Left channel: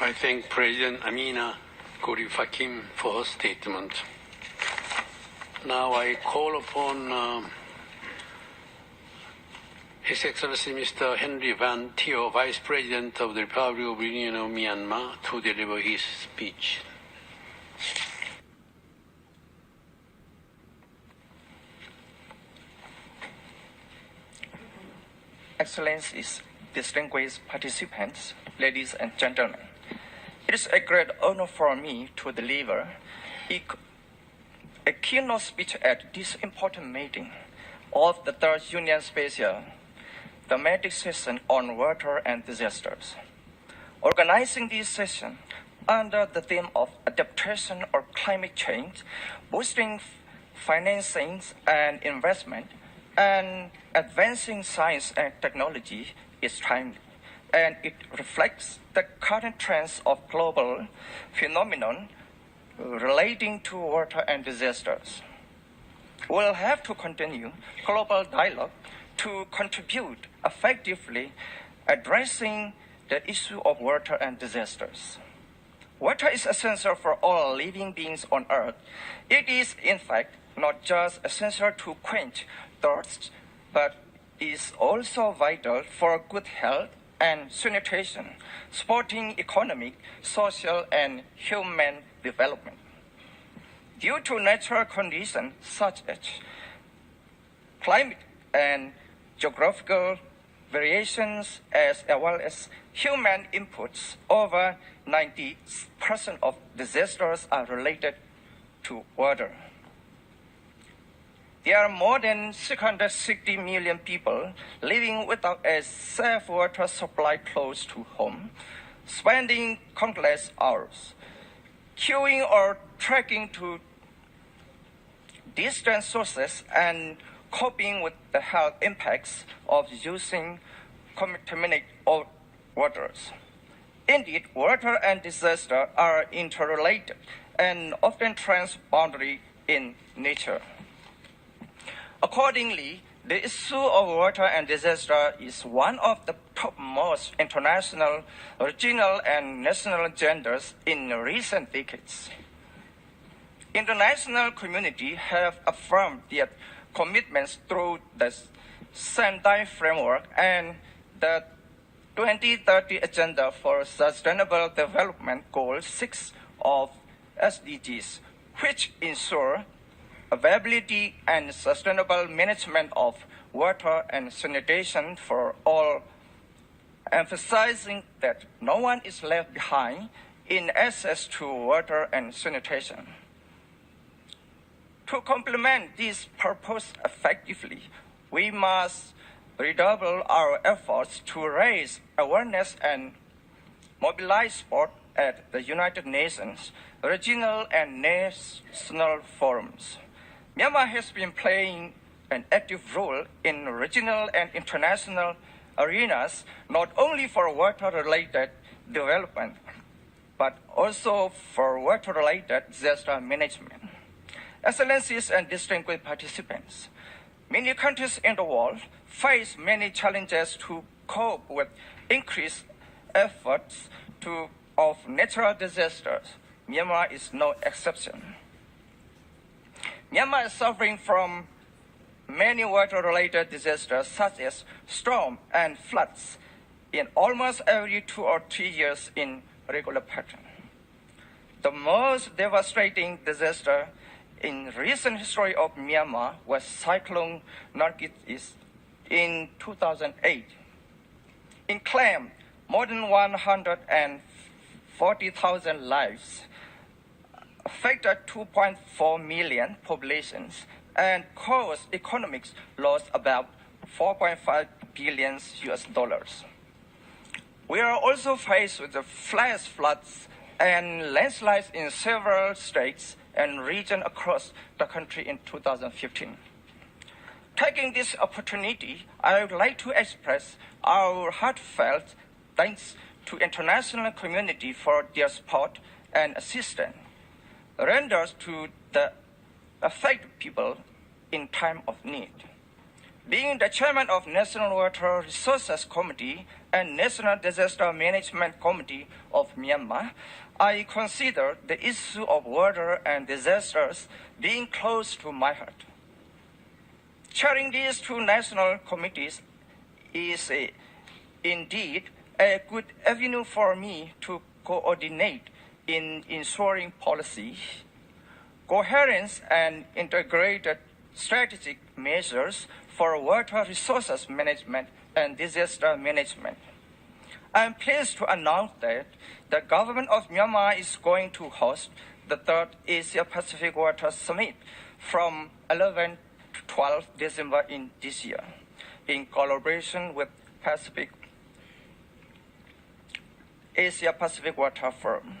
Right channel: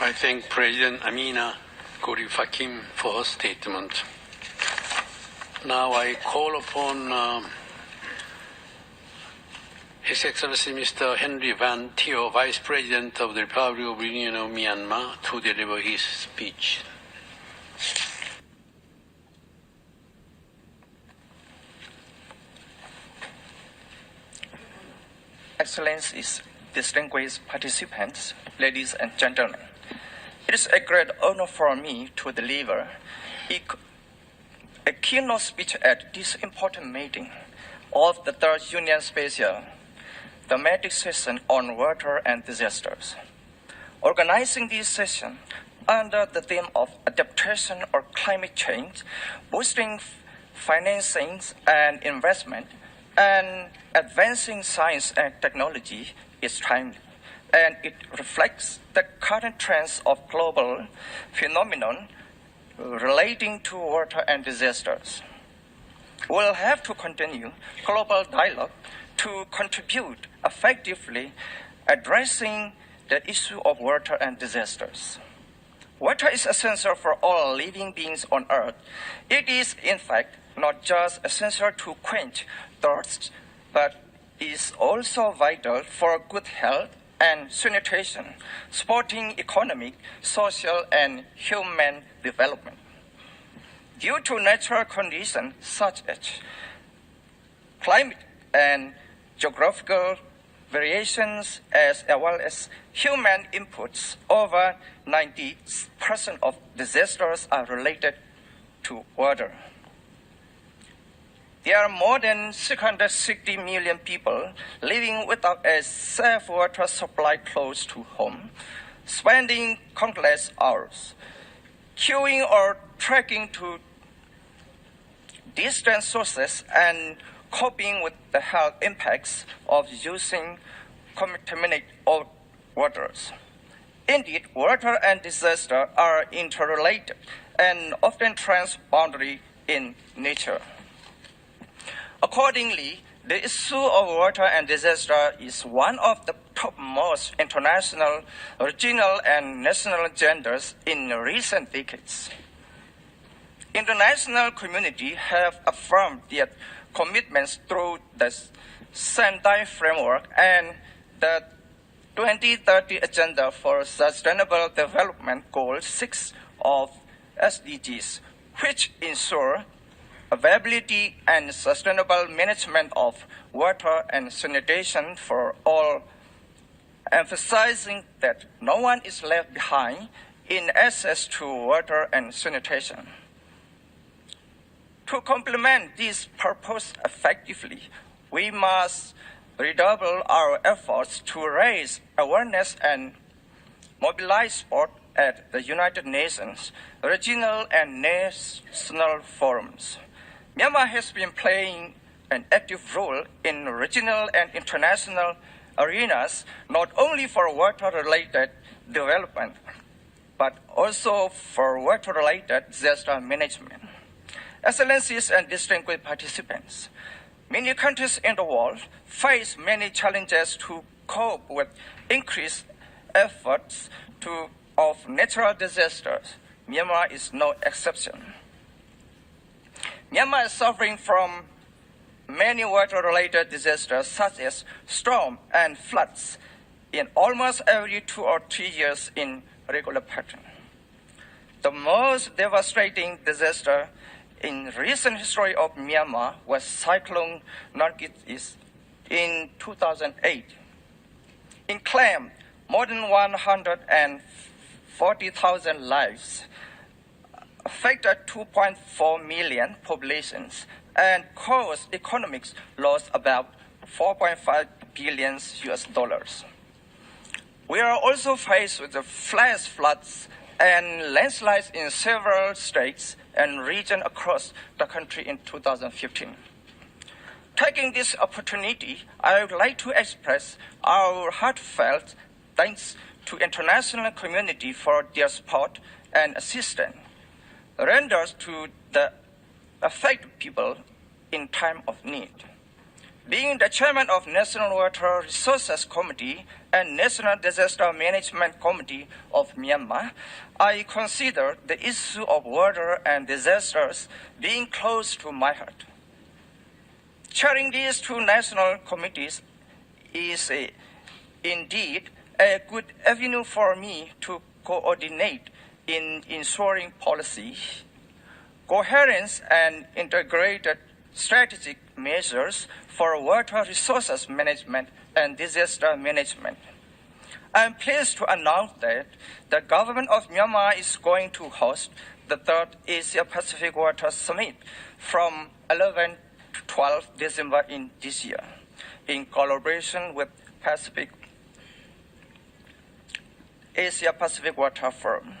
I thank President Amina Gurib Fakim for her statement. Now I call upon His Excellency Mr. Henry Van Thio, Vice President of the Republic of the Union of Myanmar, to deliver his speech. Excellencies, distinguished participants, ladies and gentlemen, it is a great honor for me to deliver a keynote speech at this important meeting of the Third Union Special thematic session on water and disasters. Organizing this session under the theme of adaptation or climate change, boosting financing and investment, and advancing science and technology is timely, and it reflects the current trends of global phenomenon relating to water and disasters. We'll have to continue global dialogue to contribute effectively addressing the issue of water and disasters. Water is essential for all living beings on Earth. It is, in fact, not just essential to quench thirst, but is also vital for good health and sanitation, supporting economic, social, and human development. Due to natural conditions such as climate and geographical variations, as well as human inputs, over 90% of disasters are related to water. There are more than 660 million people living without a safe water supply close to home, spending countless hours queuing or trekking to distant sources and coping with the health impacts of using contaminated waters. Indeed, water and disaster are interrelated and often transboundary in nature. Accordingly, the issue of water and disaster is one of the topmost international, regional, and national agendas in recent decades. International community have affirmed their commitments through the Sendai Framework and the 2030 Agenda for Sustainable Development Goal 6 of SDGs, which ensure availability and sustainable management of water and sanitation for all, emphasizing that no one is left behind in access to water and sanitation. To complement this purpose effectively, we must redouble our efforts to raise awareness and mobilize support at the United Nations, regional and national forums. Myanmar has been playing an active role in regional and international arenas, not only for water-related development, but also for water-related disaster management. Excellencies and distinguished participants, many countries in the world face many challenges to cope with increased efforts of natural disasters. Myanmar is no exception. Myanmar is suffering from many water-related disasters such as storm and floods in almost every 2 or 3 years in regular pattern. The most devastating disaster in recent history of Myanmar was Cyclone Nargis in 2008. It claimed more than 140,000 lives, affected 2.4 million populations, and caused economic loss about $4.5 billion. We are also faced with the flash floods and landslides in several states and regions across the country in 2015. Taking this opportunity, I would like to express our heartfelt thanks to international community for their support and assistance rendered to the affected people in time of need. Being the chairman of National Water Resources Committee and National Disaster Management Committee of Myanmar, I consider the issue of water and disasters being close to my heart. Chairing these two national committees is indeed a good avenue for me to coordinate in ensuring policy, coherence, and integrated strategic measures for water resources management and disaster management. I am pleased to announce that the government of Myanmar is going to host the third Asia-Pacific Water Summit from 11 to 12 December in this year, in collaboration with Asia-Pacific Water Forum.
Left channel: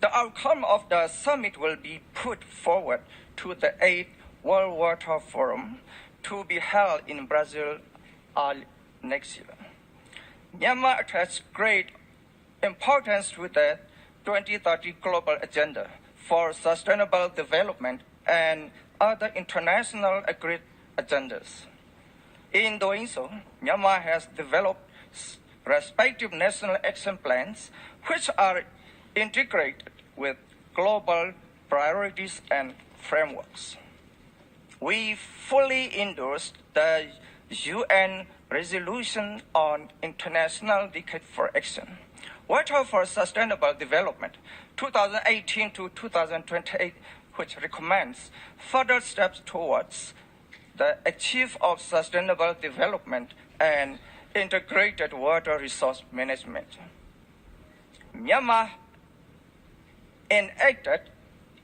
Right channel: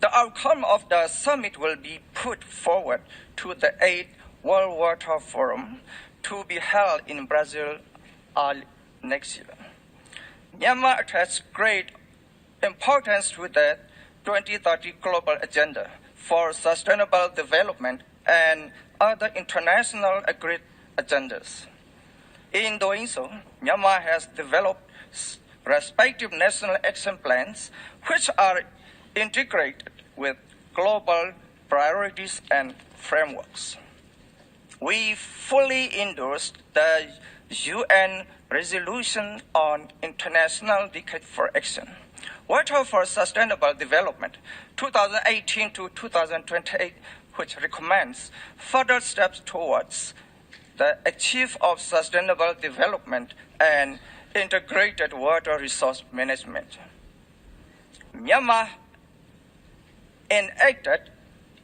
The outcome of the summit will be put forward to the 8th World Water Forum to be held in Brazil next year. Myanmar attaches great importance to the 2030 Global Agenda for Sustainable Development and other international agreed agendas. In doing so, Myanmar has developed respective national action plans which are integrated with global priorities and frameworks. We fully endorsed the UN Resolution on International Decade for Action, Water for Sustainable Development, 2018 to 2028, which recommends further steps towards the achievement of sustainable development and integrated water resource management. Myanmar enacted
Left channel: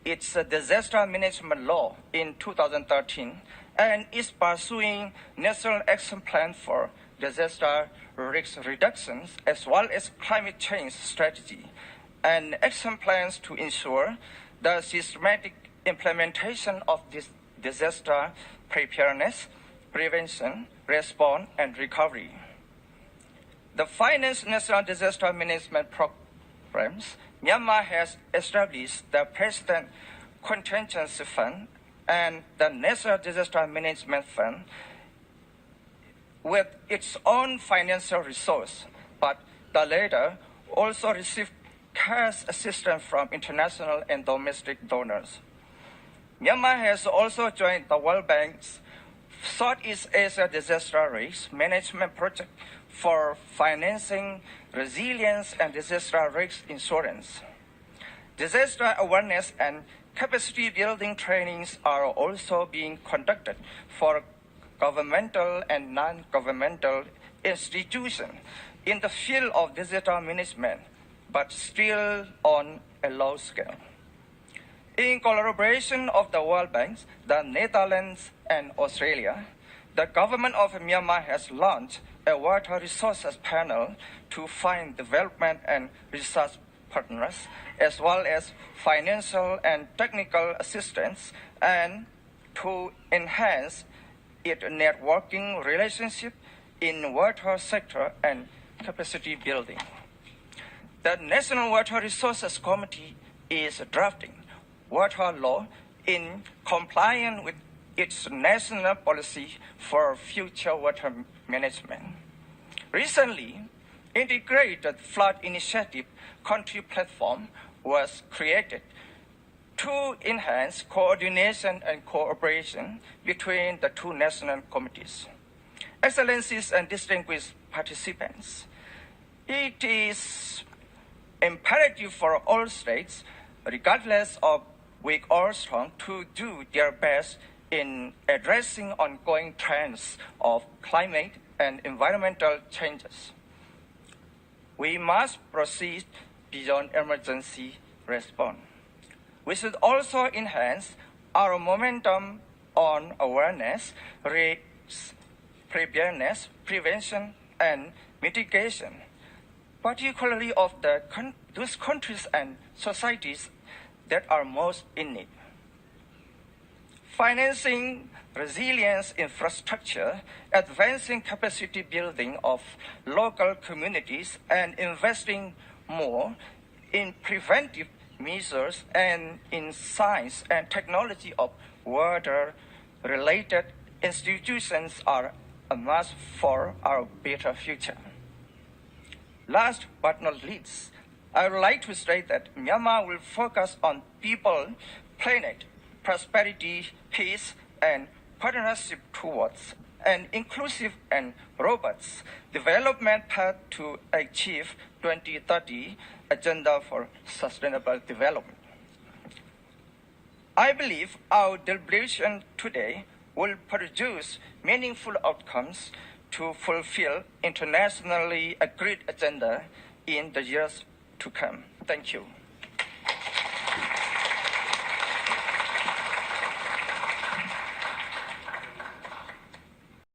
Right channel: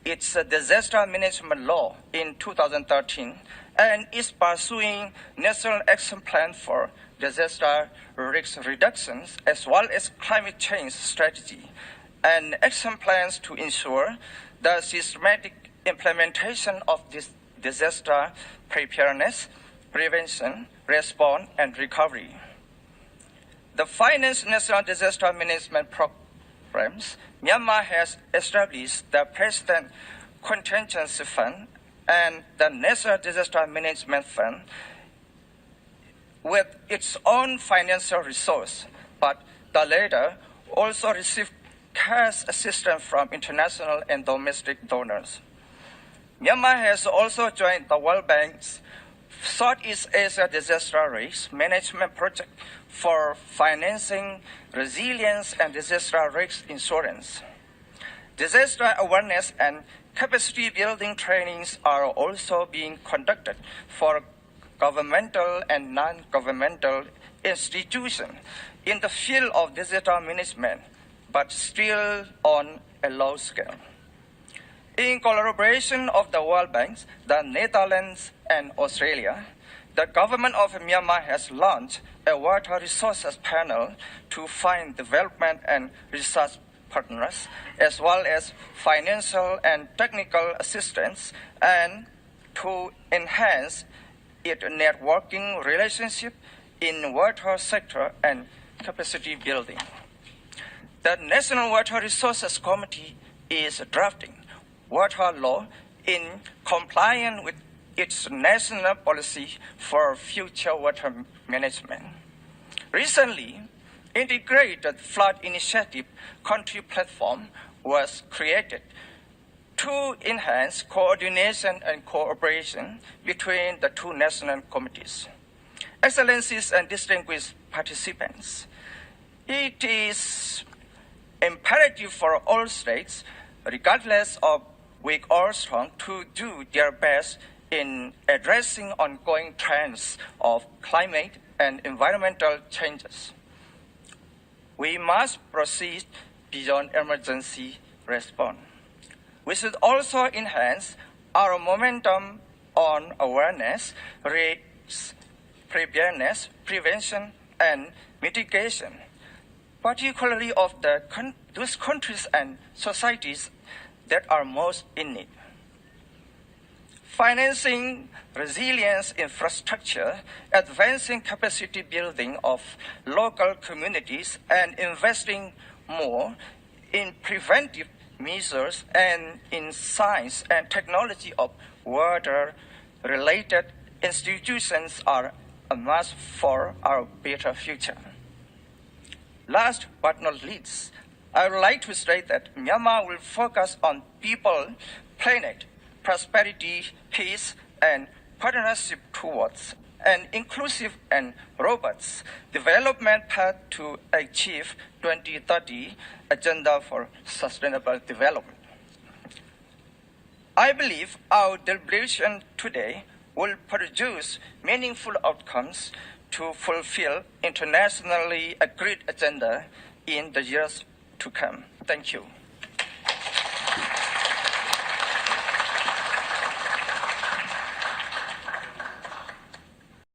its disaster management law in 2013 and is pursuing National Action Plan for Disaster Risk Reductions as well as climate change strategy and action plans to ensure the systematic implementation of this disaster preparedness, prevention, response, and recovery. The Finance National Disaster Management Programs, Myanmar has established the President Contingency Fund and the National Disaster Management Fund with its own financial resource, but the latter also received cash assistance from international and domestic donors. Myanmar has also joined the World Bank's Southeast Asia Disaster Risk Management Project for financing resilience and disaster risk insurance. Disaster awareness and capacity building trainings are also being conducted for governmental and non-governmental institutions in the field of disaster management, but still on a low scale. In collaboration of the World Bank, the Netherlands, and Australia, the government of Myanmar has launched a water resources panel to find development and research partners, as well as financial and technical assistance, and to enhance its networking relationship in water sector and capacity building. The National Water Resources Committee is drafting water law in compliance with its national policy for future water management. Recently, Integrated Flood Initiative Country Platform was created to enhance coordination and cooperation between the two national committees. Excellencies and distinguished participants, it is imperative for all states, regardless of weak or strong, to do their best in addressing ongoing trends of climate and environmental changes. We must proceed beyond emergency response. We should also enhance our momentum on awareness, risk, preparedness, prevention, and mitigation, particularly of those countries and societies that are most in need. Financing resilience infrastructure, advancing capacity building of local communities, and investing more in preventive measures and in science and technology of water-related institutions are a must for our better future. Last but not least, I would like to state that Myanmar will focus on people, planet, prosperity, peace, and partnership towards an inclusive and robust development path to achieve 2030 Agenda for Sustainable Development. I believe our deliberation today will produce meaningful outcomes to fulfill internationally agreed agenda in the years to come. Thank you.